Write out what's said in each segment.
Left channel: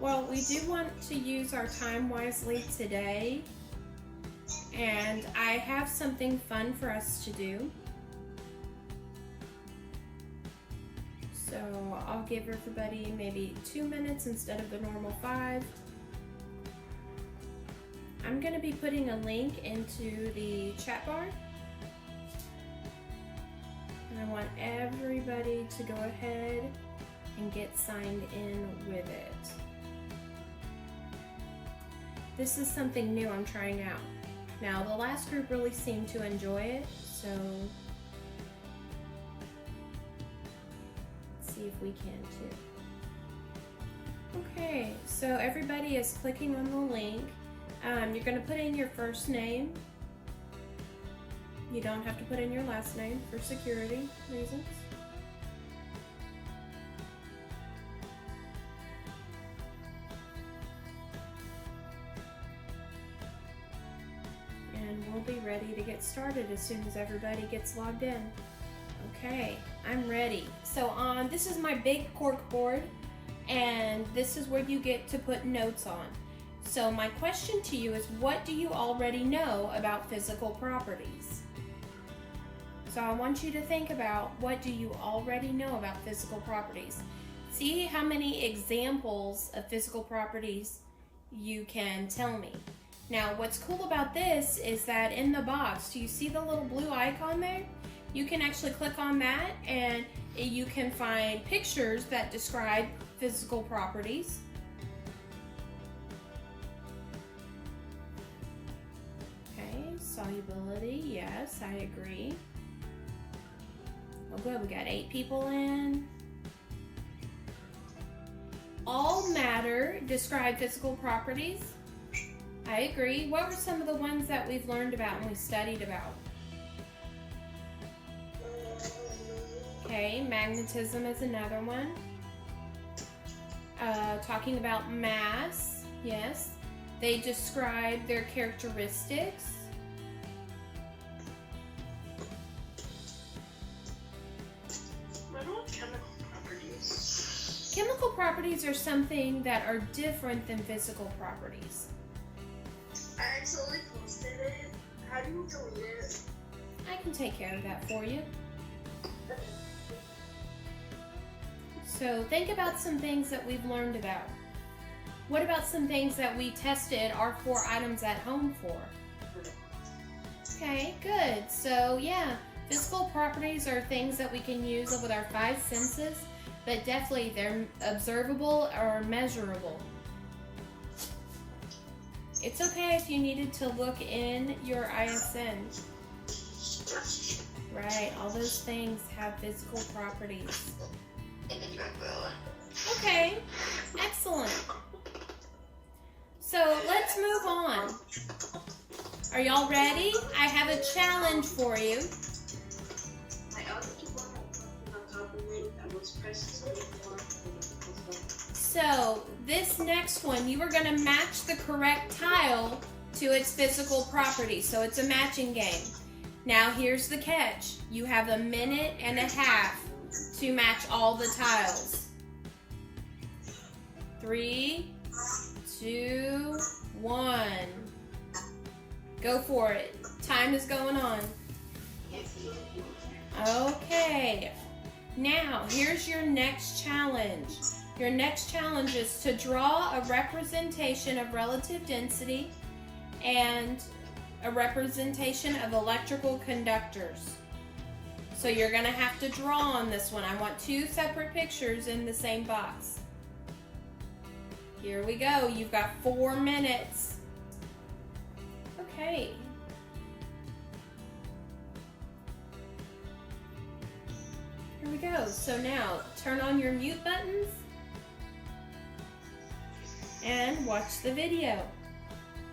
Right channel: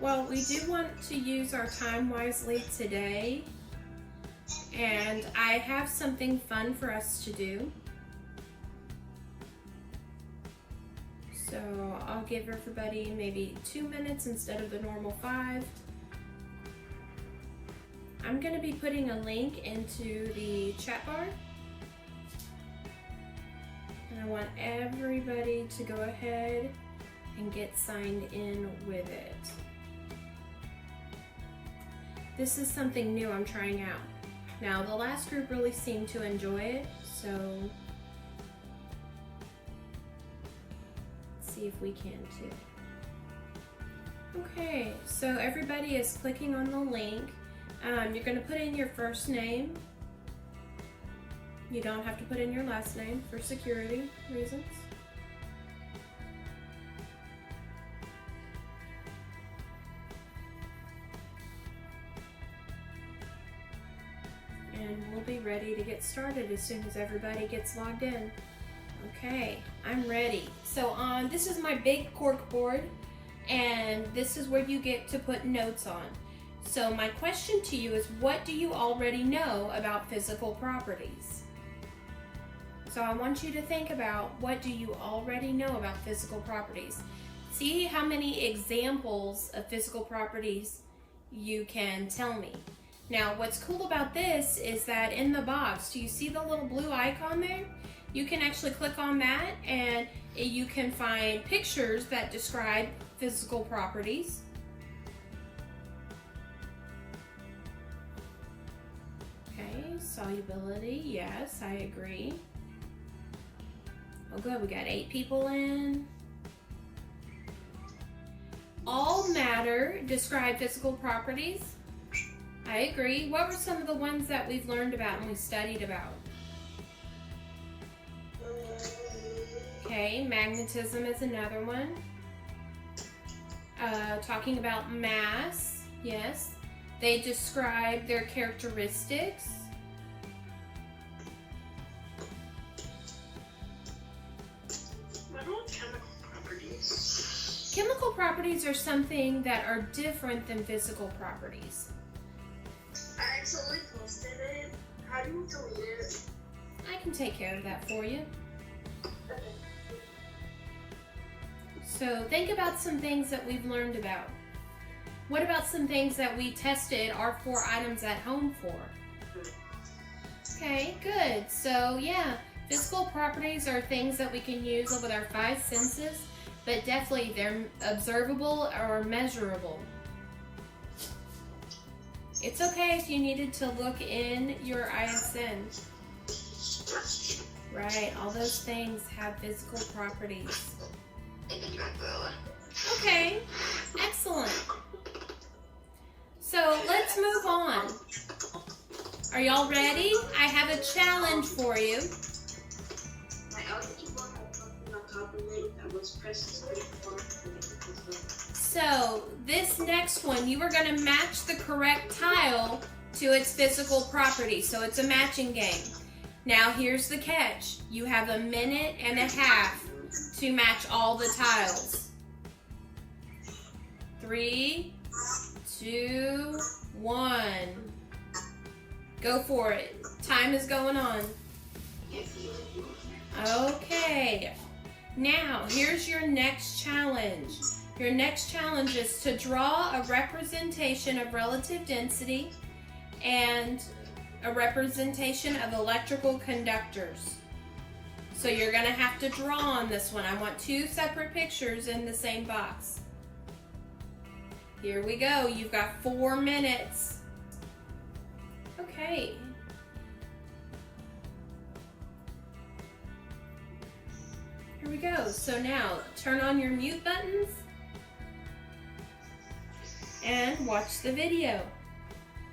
Well, we do want to use our time wisely today, and I have something fun for us to do. So I'll give everybody maybe 2 minutes instead of the normal 5. I'm going to be putting a link into the chat bar. And I want everybody to go ahead and get signed in with it. This is something new I'm trying out. Now, the last group really seemed to enjoy it, so let's see if we can too. Okay, so everybody is clicking on the link. You're going to put in your first name. You don't have to put in your last name for security reasons. And we'll be ready to get started as soon as everybody gets logged in. Okay, I'm ready. So this is my big cork board, and this is where you get to put notes on. So my question to you is, what do you already know about physical properties? So I want you to think about, what do you already know about physical properties? See how many examples of physical properties you can tell me. Now, what's cool about this is that in the box, do you see the little blue icon there? You can actually click on that and you can find pictures that describe physical properties. Okay, solubility, yes, I agree. Well, good, we got 8 people in. All matter describe physical properties. I agree. What were some of the ones that we've learned about and we studied about? Okay, magnetism is another one. Talking about mass, yes. They describe their characteristics. What about chemical properties? Chemical properties are something that are different than physical properties. I accidentally posted it. How do you delete it? I can take care of that for you. So think about some things that we've learned about. What about some things that we tested our 4 items at home for? Okay, good. So yeah, physical properties are things that we can use with our 5 senses, but definitely they're observable or measurable. It's okay if you needed to look in your ISN. Right, all those things have physical properties. Okay, excellent. So let's move on. Are y'all ready? I have a challenge for you. So this next one, you are going to match the correct tile to its physical property. So it's a matching game. Now here's the catch. You have 1.5 minutes to match all the tiles. 3, 2, 1. Go for it. Time is going on. Okay. Now, here's your next challenge. Your next challenge is to draw a representation of relative density and a representation of electrical conductors. So you're going to have to draw on this one. I want 2 separate pictures in the same box. Here we go. You've got 4 minutes. Okay. Here we go. So now, turn on your mute buttons and watch the video.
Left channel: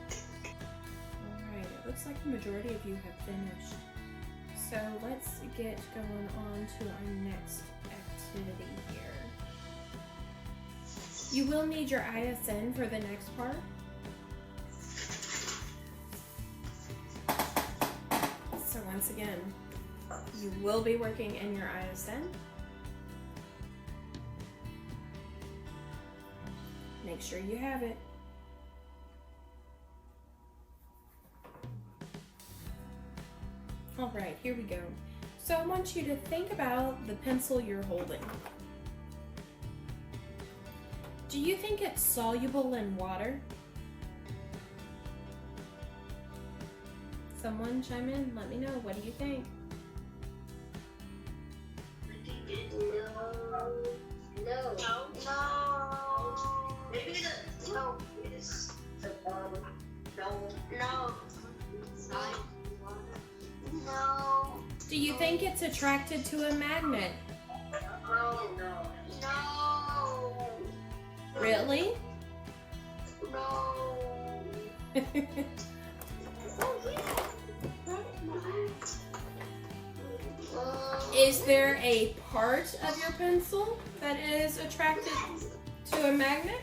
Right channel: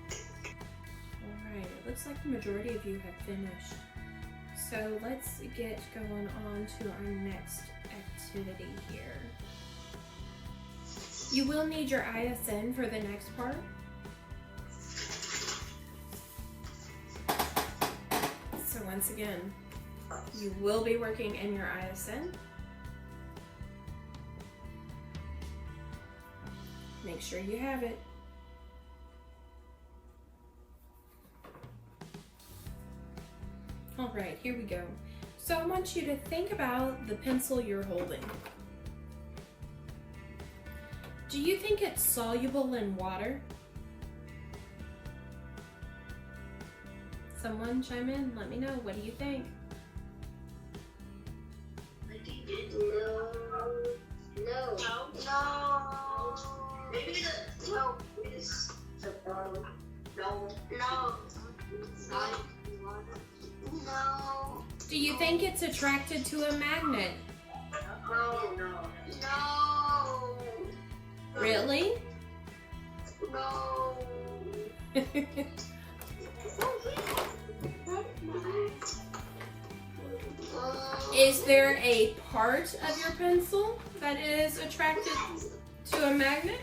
Alright, it looks like the majority of you have finished. So let's get going on to our next activity here. You will need your ISN for the next part. So once again, you will be working in your ISN. Make make sure you have it. All right, here we go. So I want you to think about the pencil you're holding. Do you think it's soluble in water? Someone chime in, let me know. What do you think? I think it's no. Maybe no. It's no. No. Do you think it's attracted to a magnet? No. Really? No. Is there a part of your pencil that is attracted to a magnet?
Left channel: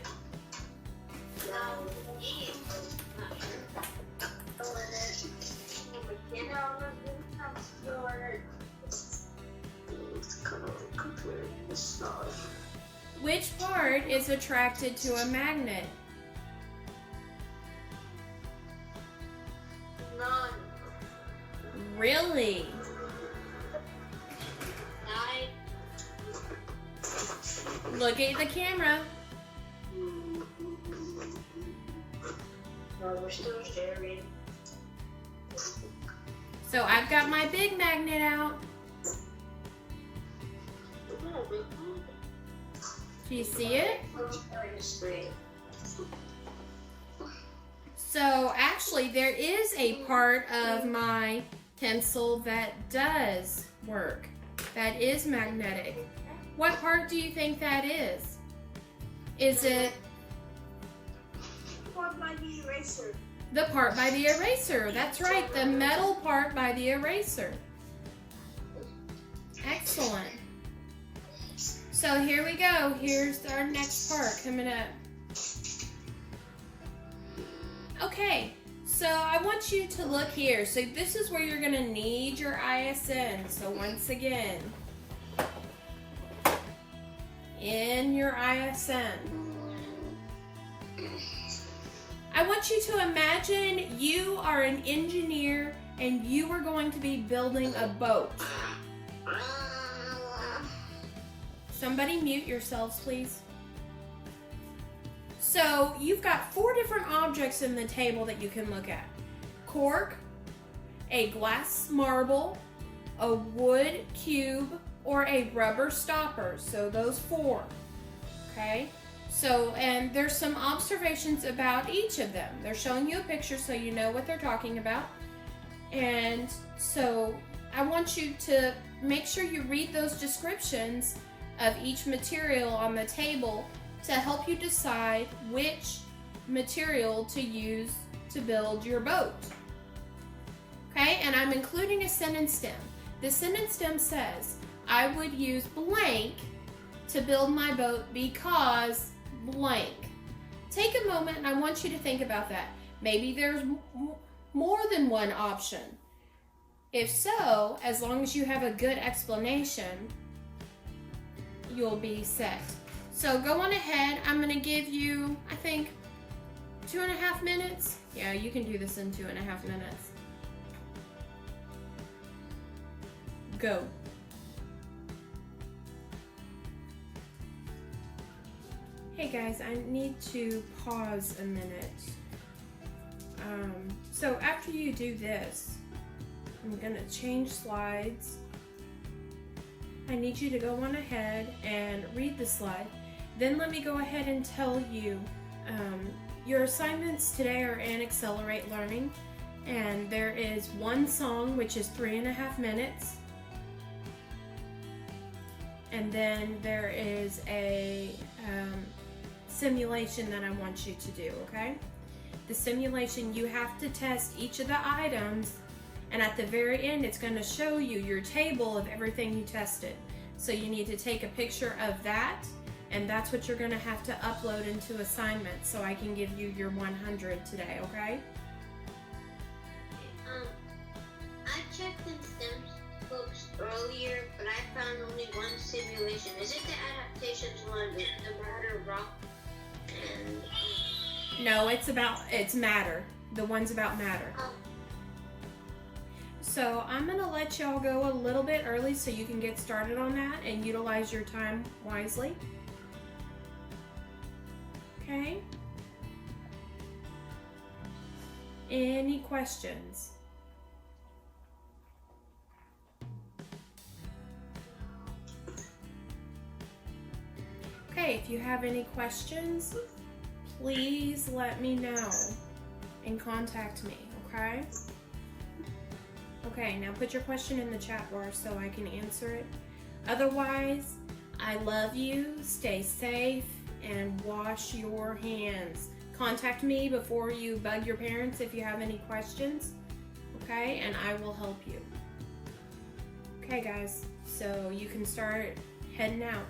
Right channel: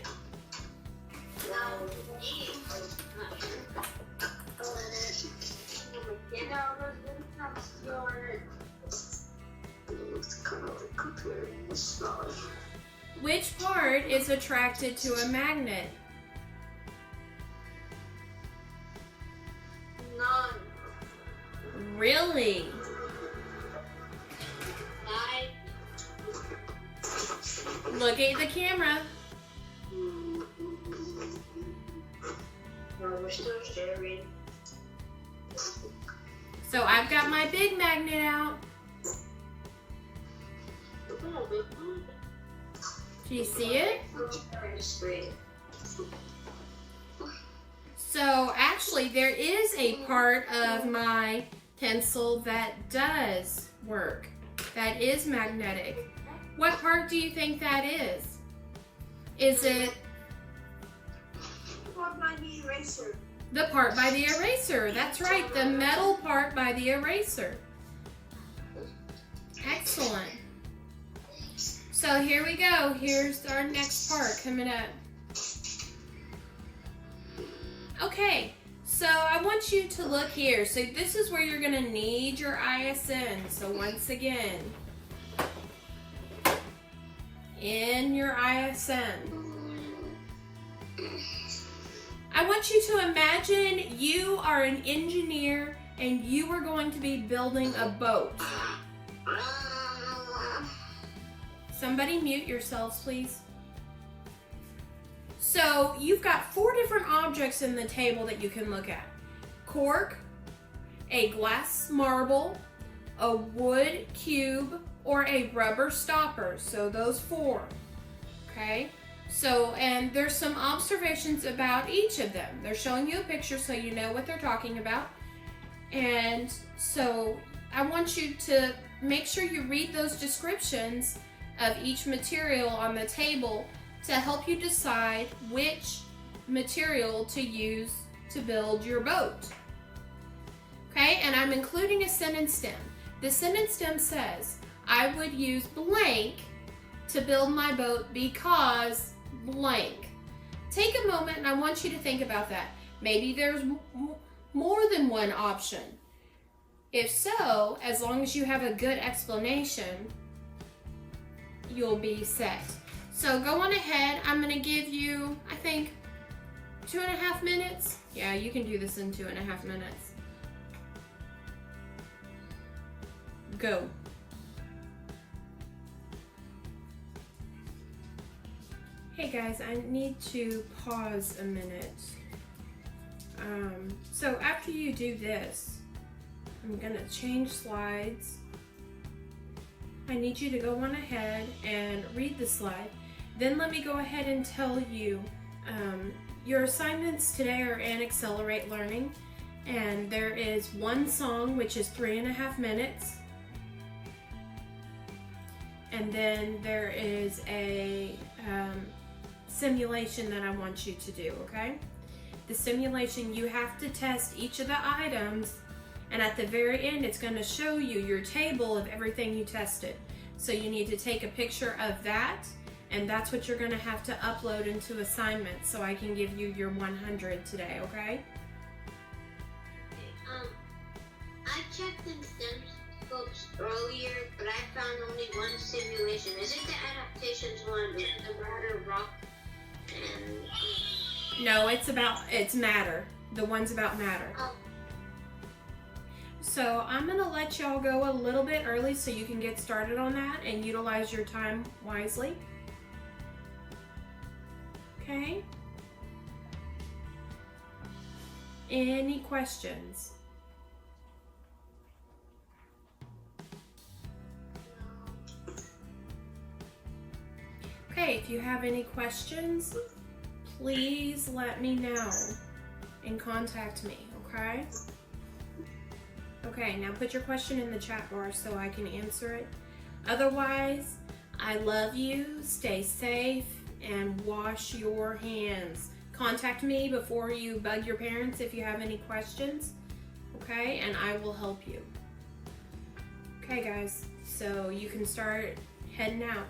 Which part is attracted to a magnet? None. Really? Look at the camera. No, we're still sharing. So I've got my big magnet out. Do you see it? So actually there is a part of my pencil that does work. That is magnetic. What part do you think that is? Is it What by the eraser? the part by the eraser? That's right, the metal part by the eraser. Excellent. So here we go. Here's our next part coming up. Okay, so I want you to look here. So this is where you're going to need your ISN. So once again, in your ISN. I want you to imagine you are an engineer and you are going to be building a boat. Somebody mute yourselves, please. So you've got 4 different objects in the table that you can look at. Cork, a glass marble, a wood cube, or a rubber stopper. So those 4, okay? So, and there's some observations about each of them. They're showing you a picture so you know what they're talking about. And so I want you to make sure you read those descriptions of each material on the table to help you decide which material to use to build your boat. Okay, and I'm including a sentence stem. The sentence stem says, I would use blank to build my boat because blank. Take a moment and I want you to think about that. Maybe there's more than one option. If so, as long as you have a good explanation, you'll be set. So go on ahead. I'm going to give you, I think, 2.5 minutes. Yeah, you can do this in 2.5 minutes. Go. Hey guys, I need to pause a minute. So after you do this, I'm going to change slides. I need you to go on ahead and read the slide. Then let me go ahead and tell you your assignments today are in Accelerate Learning, and there is one song which is 3.5 minutes, and then there is a simulation that I want you to do, okay? The simulation, you have to test each of the items, and at the very end it's going to show you your table of everything you tested. So you need to take a picture of that, and that's what you're going to have to upload into assignments so I can give you your 100 today, okay? I checked in STEM books earlier, but I found only one simulation. Is it the adaptations one? Is it the matter rock? No, it's matter. The one's about matter. So I'm gonna let y'all go a little bit early so you can get started on that and utilize your time wisely. Okay? Any questions? Okay, if you have any questions, please let me know and contact me, okay? Okay, now put your question in the chat bar so I can answer it. Otherwise, I love you, stay safe, and wash your hands. Contact me before you bug your parents if you have any questions, okay? And I will help you. Okay, guys, so you can start heading out.